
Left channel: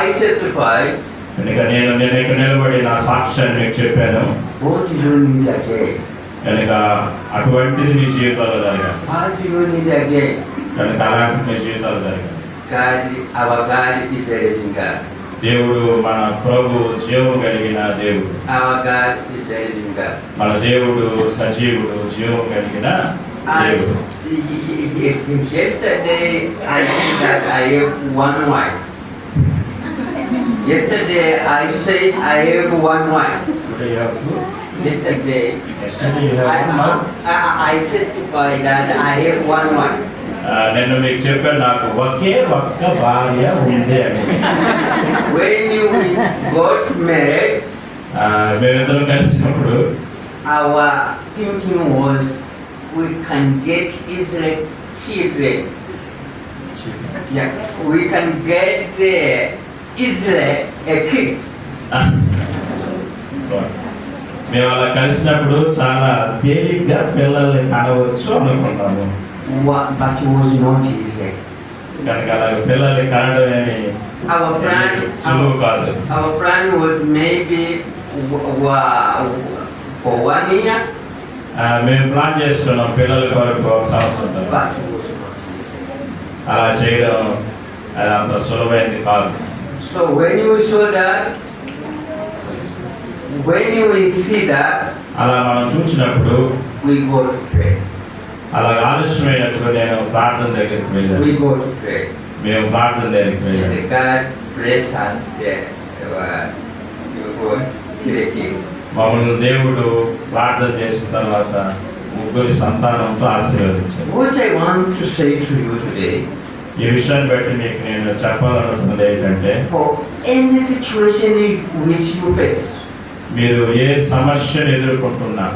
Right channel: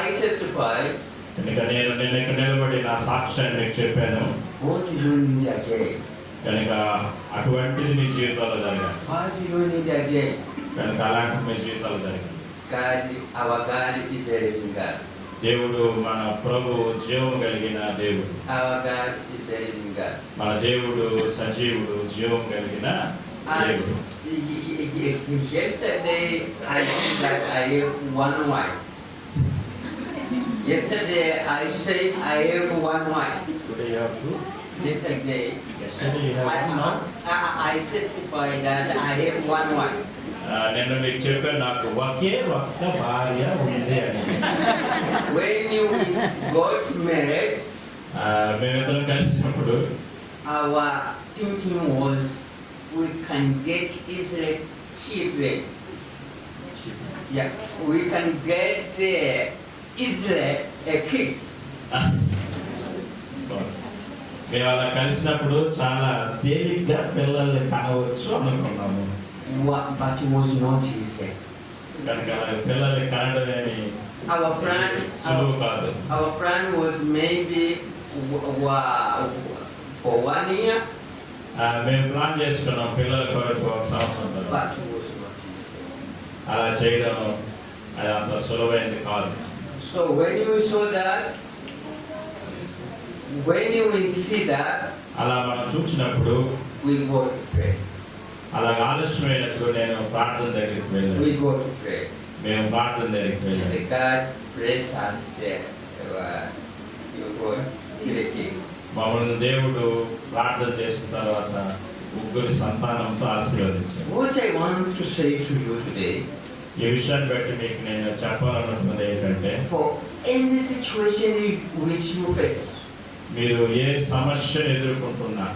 I testified, కనుక నేను ఇక్కడ నిలబడి నా సాక్ష్యాన్ని మీకు చెప్పాను. what do you need again? కనుక అటువంటిది మీ జీవితాల్లో జరగాలి. What do you need again? కనుక అలాంటి మీ జీవితాలు జరగాలి. God, our God is a living God. దేవుడు మన ప్రభు జీవం కలిగిన దేవుడు. Our God is a living God. మన దేవుడు సజీవుడు, జీవం కలిగిన దేవుడు. As yesterday I said that I have one wife. Yesterday I said I have one wife. Yesterday I testify that I have one wife. నేను మీకు చెప్పాను నాకు ఒకే ఒక్క భార్య ఉంది అని. When we got married, మేమిద్దరం కలిసినప్పుడు our thinking was we can get easily children. Yeah, we can get easily a kids. మేము అలా కలిసినప్పుడు చాలా తేలిగ్గా పిల్లల్ని కనవచ్చు అనుకున్నాము. But it was not easy. కనుక అలా పిల్లల్ని కనడం అని సులువు కాదు. Our plan was maybe for 1 year. మేము ప్లాన్ చేసుకున్నాం పిల్లల కొరకు ఒక సంవత్సరం తర్వాత. but it was not easy. అలా చేయడం అది అంత సులభమైంది కాదు. So when you saw that, when you will see that, అలా మనం చూసినప్పుడు we go to pray. అలా ఆలస్యమైనప్పుడు నేను ప్రార్థన దగ్గరికి వెళ్ళాను. We go to pray. మేము ప్రార్థన దగ్గరికి వెళ్ళాము. And God bless us there. You go creative. మమ్మల్ని దేవుడు ప్రార్థన చేసిన తర్వాత ముగ్గురి సంతానంతో ఆశీర్వదించారు. What I want to say to you today, ఈ విషయాన్ని బట్టి మీకు నేను చెప్పాలనుకున్నది ఏంటంటే, for any situation which you face, మీరు ఏ సమస్యను ఎదుర్కొంటున్నా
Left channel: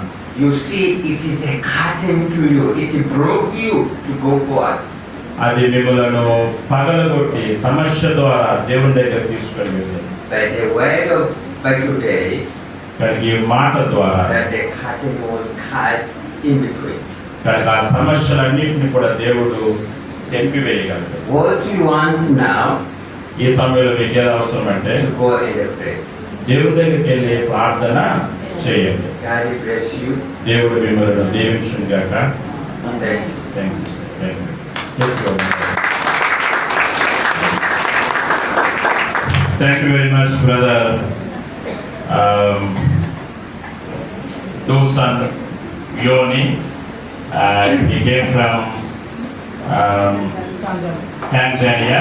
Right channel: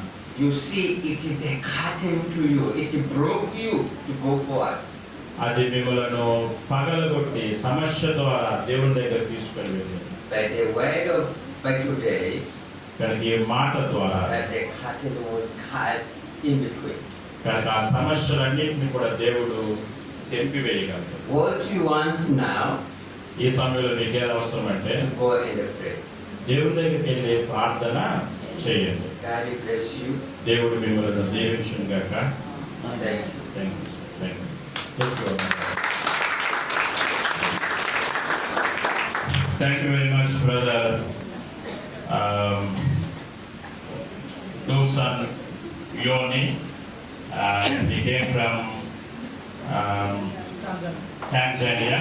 you see it is a curtain to you. It broke you to go forward. అది మిమ్మలను పగలగొట్టి సమస్య ద్వారా దేవుని దగ్గర తీసుకొని వెళ్ళారు. By the word of by today, కానీ ఈ మాట ద్వారా that the curtain was cut in between. కానీ ఆ సమస్యలన్నింటినీ కూడా దేవుడు తెంపివేయగలరు. What you want now ఈ సమయంలో మీకు ఏది అవసరం అంటే to go and pray. దేవుడి దగ్గరికి వెళ్ళి ప్రార్థన చేయండి. God bless you. దేవుడు మిమ్మల్ని దీవించును గాక. Thank you. Thank you. Thank you very much, brother. Dosan Yoni. He came from Tanzania.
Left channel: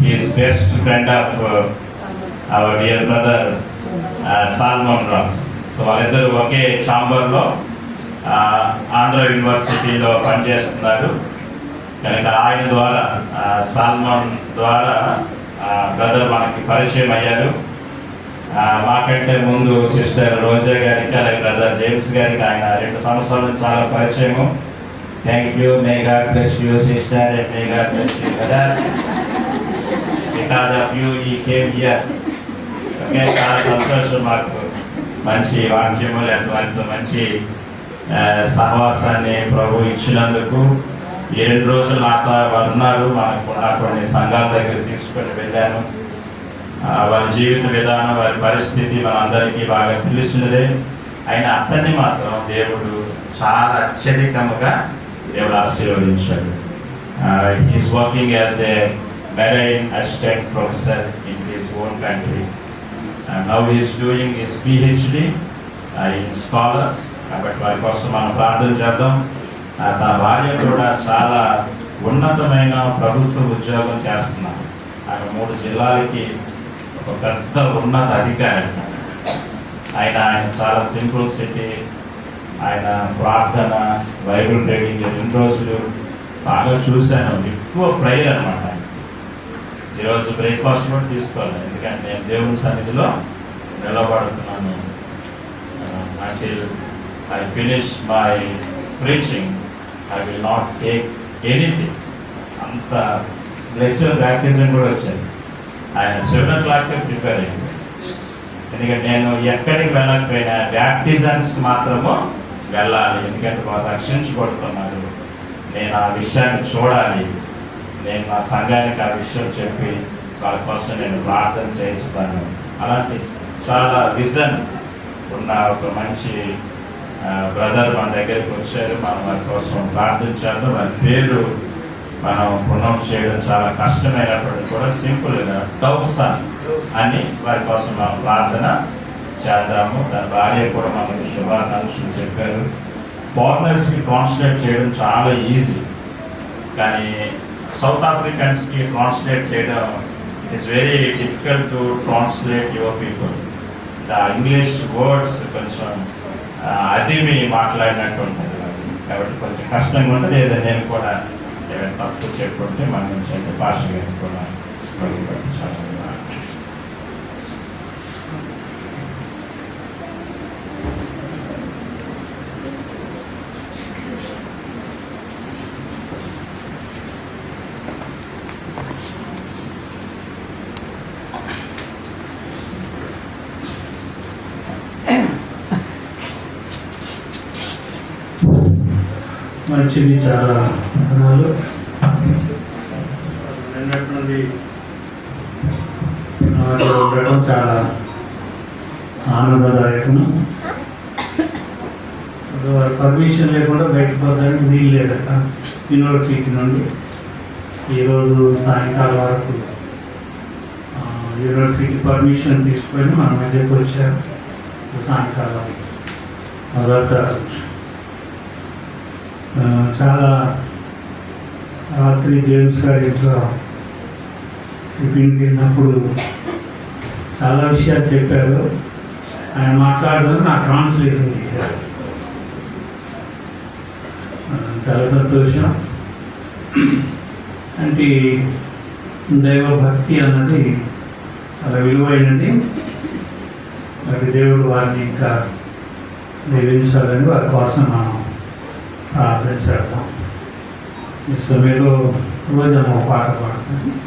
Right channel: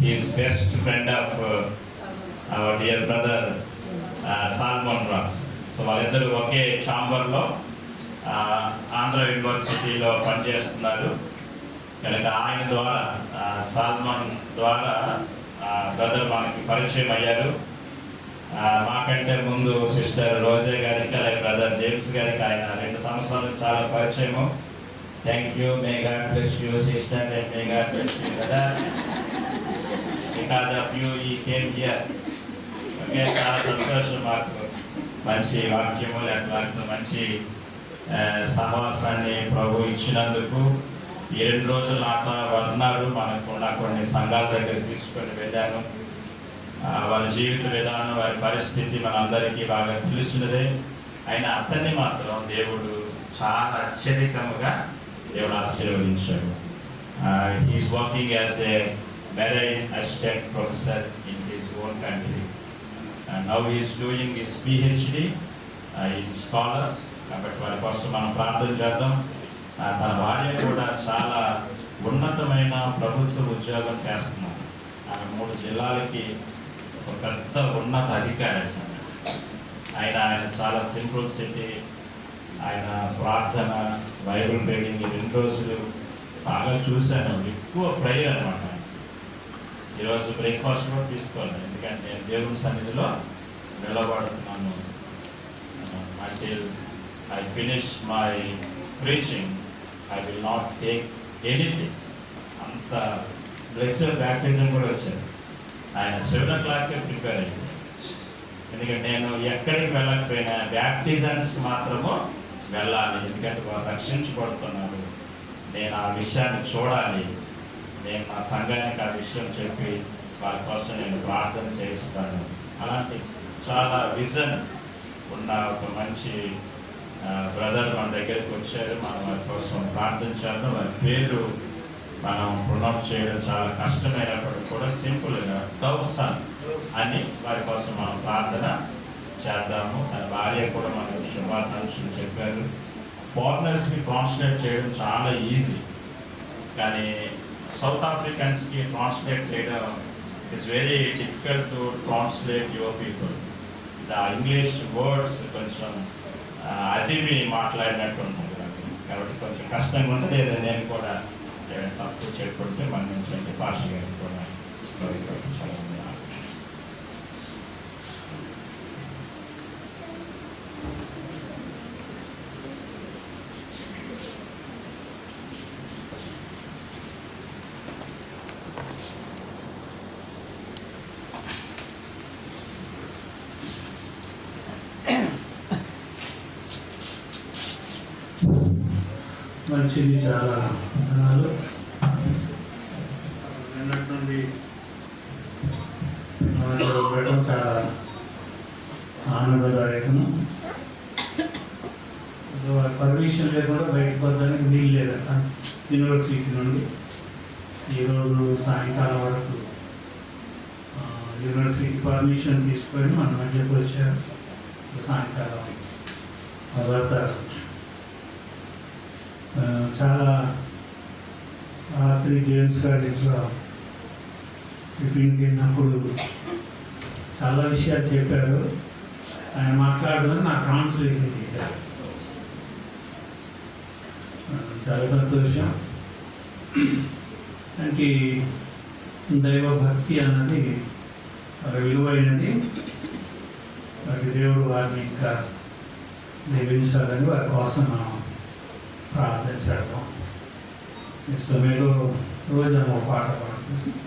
He is best friend of our dear brother Salman Ross. So వాళ్ళిద్దరు ఒకే ఛాంబర్లో ఆంధ్ర యూనివర్సిటీలో పనిచేస్తున్నారు. కనుక ఆయన ద్వారా సాల్మన్ ద్వారా బ్రదర్ మనకి పరిచయం అయ్యారు. మాకంటే ముందు సిస్టర్ రోజా గారికి అలాగే బ్రదర్ జేమ్స్ గారికి ఆయన 2 సంవత్సరాల నుంచి చాలా పరిచయము. Thank you. May God bless you sister and may God bless you brother. Because of you ఈ కేమ్ హియర్. ఓకే, చాలా సంతోషం. మాకు మంచి వాక్యము లేకపోతే మంచి సహవాసాన్ని ప్రభు ఇచ్చినందుకు 7 రోజులు అట్లా వారు ఉన్నారు. మనకు కొన్ని సంఘాల దగ్గర తీసుకొని వెళ్ళాను. వారి జీవిత విధానం వారి పరిస్థితి మనందరికీ బాగా తెలుసున్నదే. అయినా అతన్ని మాత్రం దేవుడు చాలా అత్యధికముగా దేవుడు ఆశీర్వదించాడు. He's working as a marine assistant professor in his own country. Now he's doing his PhD in scholars. కాబట్టి వారి కోసం మనం ప్రార్థన చేద్దాం. తన భార్య కూడా చాలా ఉన్నతమైన ప్రభుత్వ ఉద్యోగం చేస్తున్నారు. ఆయన 3 జిల్లాలకి ఒక పెద్ద ఉన్నత అధికారి. ఆయన చాలా సింప్లిసిటీ, ఆయన ప్రార్థన, బైబిల్ రీడింగ్ 2 రోజులు బాగా చూశాను. ఎక్కువ ప్రేయర్ అనమాట. ఈరోజు బ్రేక్ఫాస్ట్ కూడా తీసుకోవాలి, ఎందుకంటే నేను దేవుని సన్నిధిలో నిలబడుతున్నాను. until I finish my preaching, I will not take anything. అంత బ్లెస్డ్ బ్యాప్టిజం కూడా వచ్చాను. ఆయన 7 o'clock ప్రిపేర్ అయ్యింది. ఎందుకంటే నేను ఎక్కడికి వెళ్ళకపోయినా బ్యాప్టిజమ్స్ మాత్రము వెళ్ళాలి. ఎందుకంటే వాళ్ళు రక్షించబడుతున్నారు. నేను ఆ విషయాన్ని చూడాలి. నేను నా సంఘానికి ఆ విషయం చెప్పి వాళ్ళ కోసం నేను ప్రార్థన చేయిస్తాను. అలాంటి చాలా విజన్ ఉన్న ఒక మంచి బ్రదర్ మన దగ్గరికి వచ్చారు. మనం వారి కోసం ప్రార్థించాలి. వారి పేరు మనం ప్రొనౌన్స్ చేయడం చాలా కష్టమైనప్పటికీ కూడా సింపుల్గా డౌసన్ అని వారి కోసం మనం ప్రార్థన చేద్దాము. తన భార్య కూడా మనకు శుభాకాంక్షలు చెప్పారు. ఫారినర్స్కి ట్రాన్స్లేట్ చేయడం చాలా ఈజీ, కానీ సౌత్ ఆఫ్రికన్స్కి ట్రాన్స్లేట్ చేయడం it's very difficult to translate your people. English words కొంచెం అది మీ మాట్లాడినట్టు ఉంటుంది కాబట్టి కొంచెం కష్టంగా ఉంటుంది. ఏదో నేను కూడా ఏమైనా తప్పు చెప్పుకుంటే మన నుంచి భాష కూడా చాలా మంచిది. చాలా పదాలు విన్నటువంటి ఉండటం చాలా ఆనందదాయకము. పర్మిషన్ లేకుండా బయటకు పోవడానికి వీలు లేదట యూనివర్సిటీ నుండి. ఈరోజు సాయంకాలం వరకు యూనివర్సిటీ పర్మిషన్ తీసుకొని మన మధ్యకు వచ్చారు. సాయంకాలం మొదట చాలా రాత్రి జేమ్స్ గారి యొక్క టిఫిన్కి వెళ్ళినప్పుడు చాలా విషయాలు చెప్పారు. ఆయన మాట్లాడడం నాకు ట్రాన్స్లేషన్ చేశారు. చాలా సంతోషం. అంటే దైవ భక్తి అన్నది చాలా విలువైనది. మరి దేవుడు వారిని ఇంకా దీవించాలని వారి కోసం మనం ప్రార్థన చేద్దాం. ఈ సమయంలో రోజు పాట పాడుతాం.